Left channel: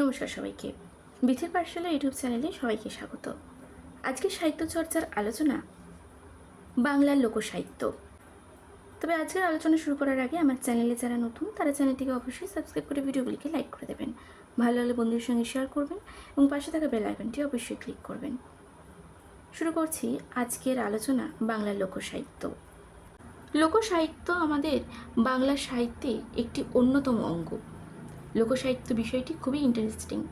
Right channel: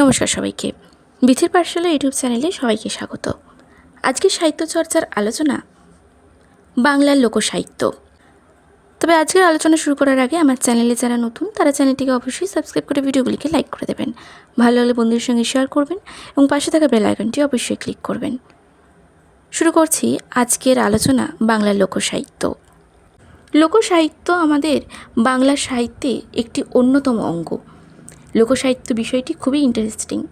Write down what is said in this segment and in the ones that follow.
নমস্কার সবাইকে। বিথের পাঠশালা ইউটিউব চ্যানেলে সবাইকে স্বাগত। আজকে সাহিত্য চর্চার আলোচনা বাংলার লোকসাহিত্য। তবে আজকের আলোচনা শুরু করার আগে আমার চ্যানেলে যারা নতুন, তারা চ্যানেলটিকে অবশ্যই সাবস্ক্রাইব করে ভিডিওগুলিকে লাইক করে দেবেন। ভালো লাগলে বন্ধুদের সঙ্গে শেয়ার করবেন এবং পাশে থাকা বেল আইকনটি অবশ্যই ক্লিক করবেন। শুরু করছি আজকের আলোচনা বাংলার লোকসাহিত্য। লোকসাহিত্য আমাদের বাংলা সাহিত্যে একটি অন্যতম অঙ্গ। লোকসাহিত্য বিষয়টি খুবই ইন্টারেস্টিং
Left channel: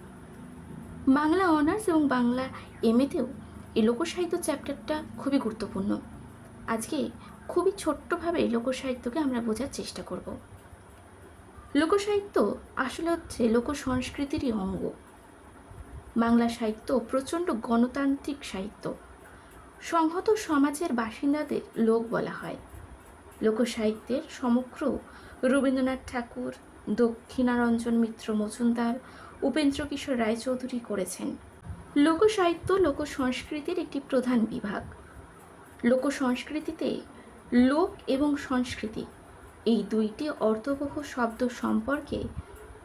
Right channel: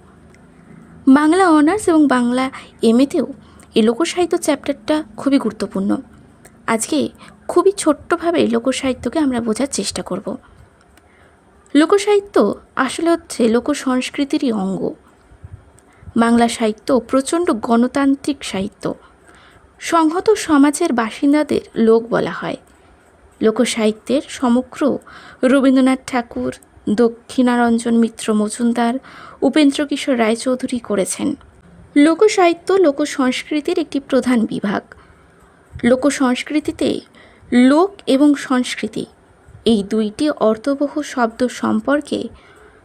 বাংলা অনার্স এবং বাংলা এমএতেও এই লোকসাহিত্য চ্যাপ্টারটা খুবই গুরুত্বপূর্ণ। আজকে খুবই ছোট্টভাবে লোকসাহিত্যকে আমরা বোঝার চেষ্টা করব। লোকসাহিত্য আসলে হচ্ছে লোক সংস্কৃতিরই অঙ্গ। বাংলা সাহিত্য প্রচণ্ড গণতান্ত্রিক সাহিত্য। সংহত সমাজের বাসিন্দাদের লোক বলা হয়। লোকসাহিত্যের সমগ্র রবীন্দ্রনাথ ঠাকুর দক্ষিণারঞ্জন মিত্র মজুমদার, উপেন্দ্র কিশোর রায়চৌধুরী করেছেন। লোকসাহিত্য লোক সংস্কৃতির একটি প্রধান বিভাগ। লোক সংস্কৃতিতে লোক এবং সংস্কৃতি, এই দুইটি অর্থবহ শব্দ সম্পর্কে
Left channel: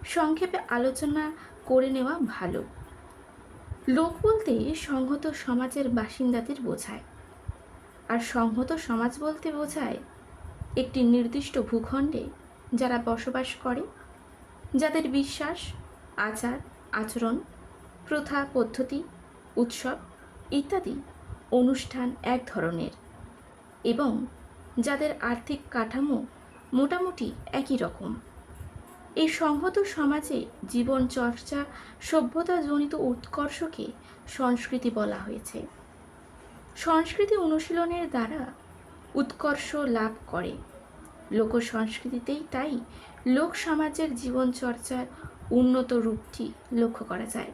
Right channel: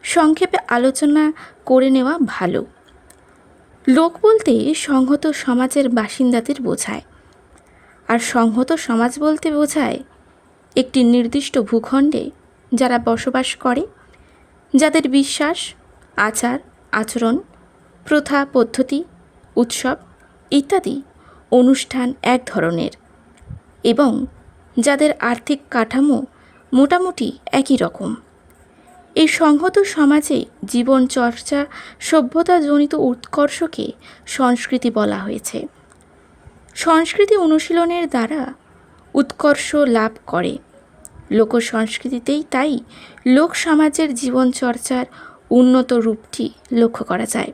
সংক্ষেপে আলোচনা করে নেওয়া ভালো। লোক বলতে সংহত সমাজের বাসিন্দাদের বোঝায়। আর সংহত সমাজ বলতে বোঝায় একটি নির্দিষ্ট ভূখণ্ডে যারা বসবাস করে, যাদের বিশ্বাস, আচার, আচরণ, প্রথা, পদ্ধতি, উৎসব ইত্যাদি অনুষ্ঠান এক ধরনের এবং যাদের আর্থিক কাঠামো মোটামুটি একই রকম। এই সংহত সমাজে জীবন চর্চা সভ্যতাজনিত উৎকর্ষকে সংস্কৃতি বলা হয়েছে। সংস্কৃতি অনুশীলনের দ্বারা উৎকর্ষ লাভ করে। লোক সংস্কৃতিতেই তাই লোক সমাজের জীবনচর্চার উন্নত রূপটি লক্ষ্য করা যায়।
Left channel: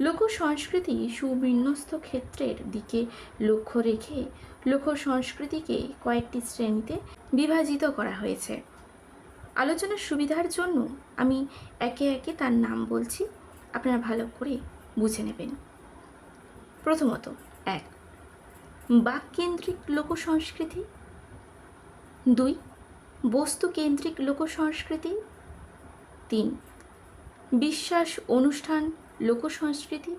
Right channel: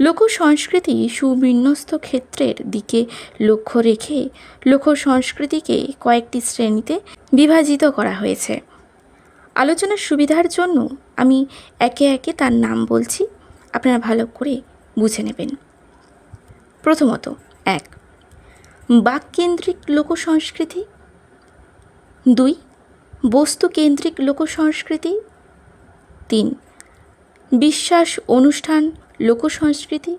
লোক সংস্কৃতি সুবিন্যস্ত ক্ষেত্রের দিকে লক্ষ্য রেখে লোক সংস্কৃতিকে কয়েকটি শ্রেণীতে বিভাজিত করা হয়েছে। আলোচনার সুবিধার জন্য আমি একে একে তার নাম বলছি, আপনারা ভালো করে বুঝে নেবেন। প্রথমত, এক, বাককেন্দ্রিক লোক সংস্কৃতি দুই বস্তুকেন্দ্রিক লোক সংস্কৃতি তিন, বিশ্বাস অনুষ্ঠান লোকসংস্কৃতি।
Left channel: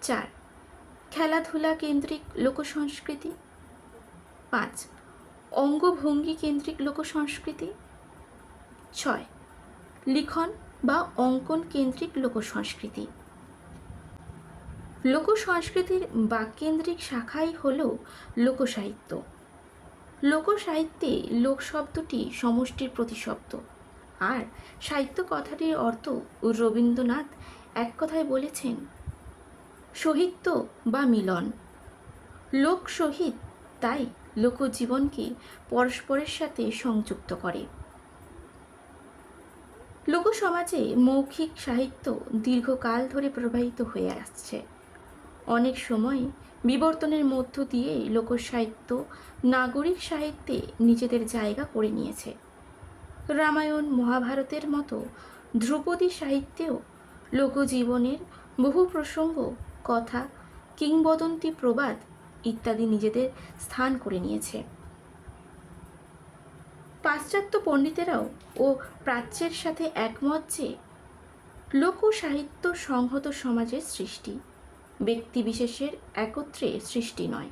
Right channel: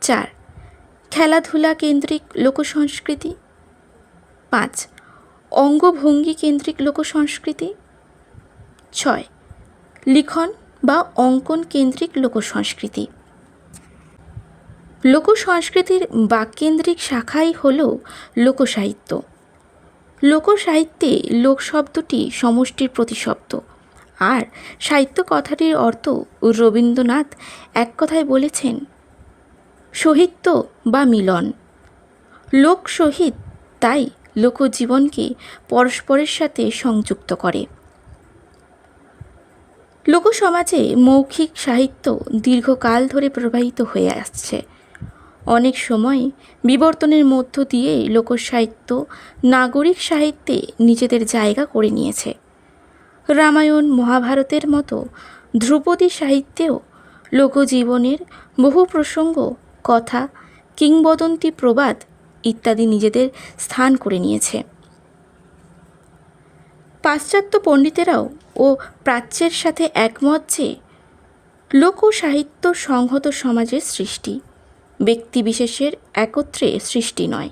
চার, খেলাধুলা কেন্দ্রিক লোকসংস্কৃতি। পাঁচ, অঙ্গভঙ্গি কেন্দ্রিক লোকসংস্কৃতি। ছয়, লিখন বা অঙ্কন কেন্দ্রিক লোকসংস্কৃতি। লোকসংস্কৃতির লোক সংস্কৃতির বাককেন্দ্রিক শাখাই হল লোকসাহিত্য। লোকসাহিত্যে লোক শব্দটি সমষ্টির প্রতিশব্দ। আর সাহিত্য কথাটির অর্থ রবীন্দ্রনাথ এক কথায় বলেছেন, সহিত্য বা মিলন। লোক সহিত তাই লোকজীবনকে পরস্পরের সাথে সংযুক্ত করে। লোকসমাজে মৌখিক সাহিত্য দীর্ঘকাল ধরে প্রবাহিত হয়ে আসছে। অনেক সময় বিবর্তনের মধ্য দিয়ে লোকসাহিত্য নাগরিক সাহিত্যে নিজেদের জায়গা করে নিয়েছে। রামায়ণ, মহাভারতের মতো ধ্রুপদী সাহিত্যেও লোকজীবনের বহু প্রসঙ্গ, কথা, কিংবদন্তি প্রবাদ ইত্যাদি নিজেদের স্থান করে নিয়েছে। পাশ্চাত্য পণ্ডিতেরাও ও প্রাচ্যের সাথে একমত যে লোক সাহিত্য সংহত সমাজের সৃষ্টি। ব্যক্তিবিশেষের একত্রে সৃষ্টি নয়।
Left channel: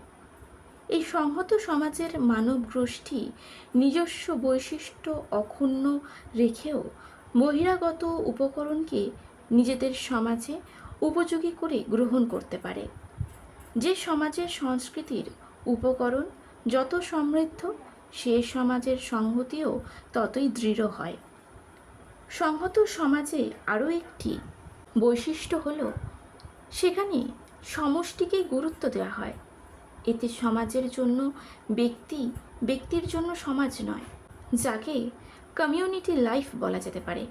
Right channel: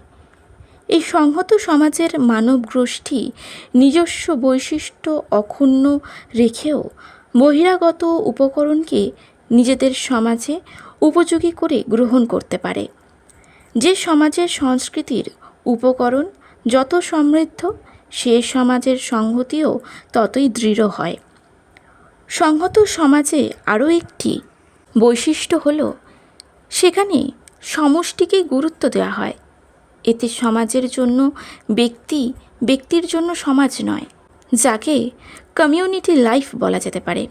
এই সংহত সমাজের মানব গোষ্ঠী নিজস্ব বৈশিষ্ট্য অক্ষুণ্ণ রেখেও বহিরাগত উপকরণকে নিজেদের সমাজে উপযোগী করে গ্রহণ করতে পারে। যে সমাজের সংস্কৃতির উপকরণ যত সমৃদ্ধ, সে সমাজের সংহতিও ততই দৃঢ় হয়। সংহত সমাজে আরও একটি বৈশিষ্ট্য হলো সেখানে সমষ্টিকে গুরুত্ব দেওয়া হয়। এতে সমাজের জন্য ব্যক্তি ব্যক্তির জন্য সমাজ নয়, যাকে কমিউনিটি লাইফ বলা যেতে পারে।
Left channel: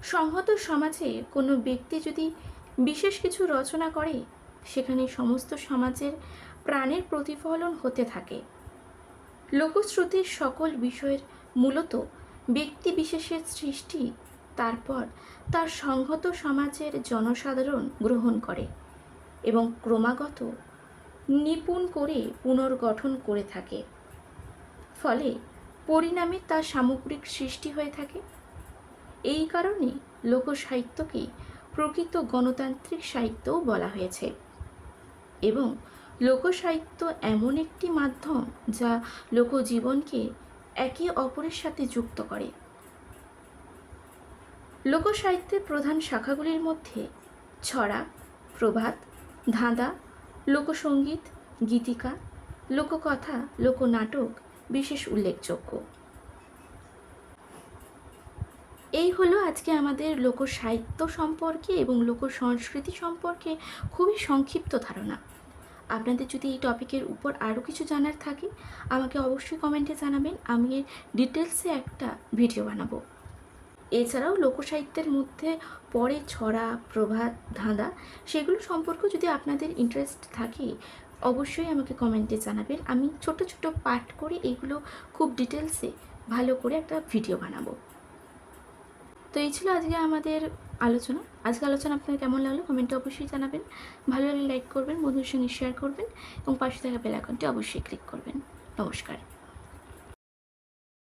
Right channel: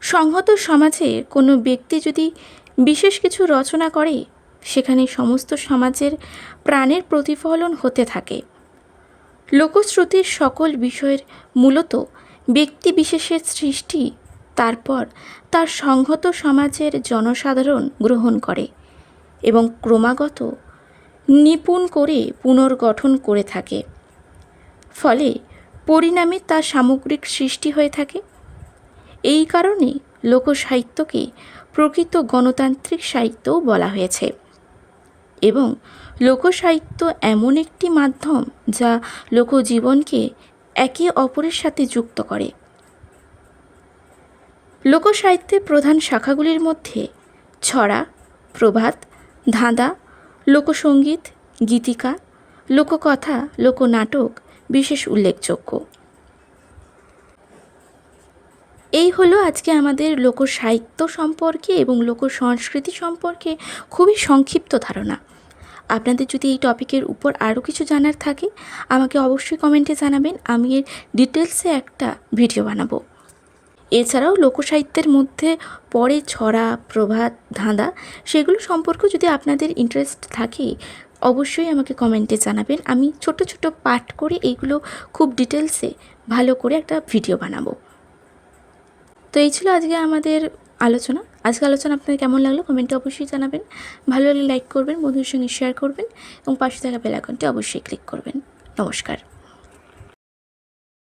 সংহত সমাজে কোনো ব্যক্তি যদি বিশেষ কিছু রচনা করে, সেখানে সমস্ত সমাজের প্রাণের প্রতিফলন হতে থাকে। লোকশ্রুতির সকল বিষয়ের মূলত ব্যক্তি বিশেষের সৃষ্টি তারপর তার সংহত সমাজের জনসাধারণ গ্রহণ করে এবং ক্রমাগত নিপুণ করে পুনর্গঠন করে থাকে। ফলে পরিণামে তার সামগ্রিক সৃষ্টি হয়ে থাকে। এই কারণে লোকসাহিত্যকে প্রকৃত গণতান্ত্রিক সাহিত্যও বলা হয়েছে এবং লোকসাহিত্য এমন একটি মাধ্যম যা লোকজীবনকে একে অপরের সাথে যুক্ত করে। লোকসাহিত্যের প্রধান শাখাগুলির মধ্যে ছড়া, প্রভাত, ধাঁধা, লোকসঙ্গীত, গীতিকা, লোককথা, লোকনাটক বিশেষ উল্লেখযোগ্য। এই হলো আজকে আমাদের লোকসাহিত্য সম্পর্কে এবং লোক সংস্কৃতি সম্পর্কে খুবই সংক্ষিপ্ত ধারণা। আপনাদের যদি এই টপিকের উপর আরও কিছু জানার থাকে, আমাকে অবশ্যই কমেন্টে জানাবেন, আমি এর ডিটেলসে একটা ভিডিও বানাবো। এছাড়াও লোকসাহিত্যের মধ্যে পড়ে ছড়া, প্রভাত, ধাঁধা, সেগুলো সম্পর্কেও যদি আপনাদের ইন্টারেস্ট থাকে, অবশ্যই আমাকে কমেন্টে জানাবেন। আমি ছোট ছোট পাঠ করে এইগুলো খুব ডিটেলসে ভালো করে একটা ভিডিও বানাবো। তো এই ছিল আজকে আমাদের আলোচনা। আজকে আলোচনা আপনাদের কেমন লাগল কমেন্টে অবশ্যই জানাবেন। ভালো লাগলে লাইক করবেন, বন্ধুদের সঙ্গে শেয়ার করবেন এবং পাশে থাকা বেল আইকনটি অবশ্যই ক্লিক করবেন। নমস্কার।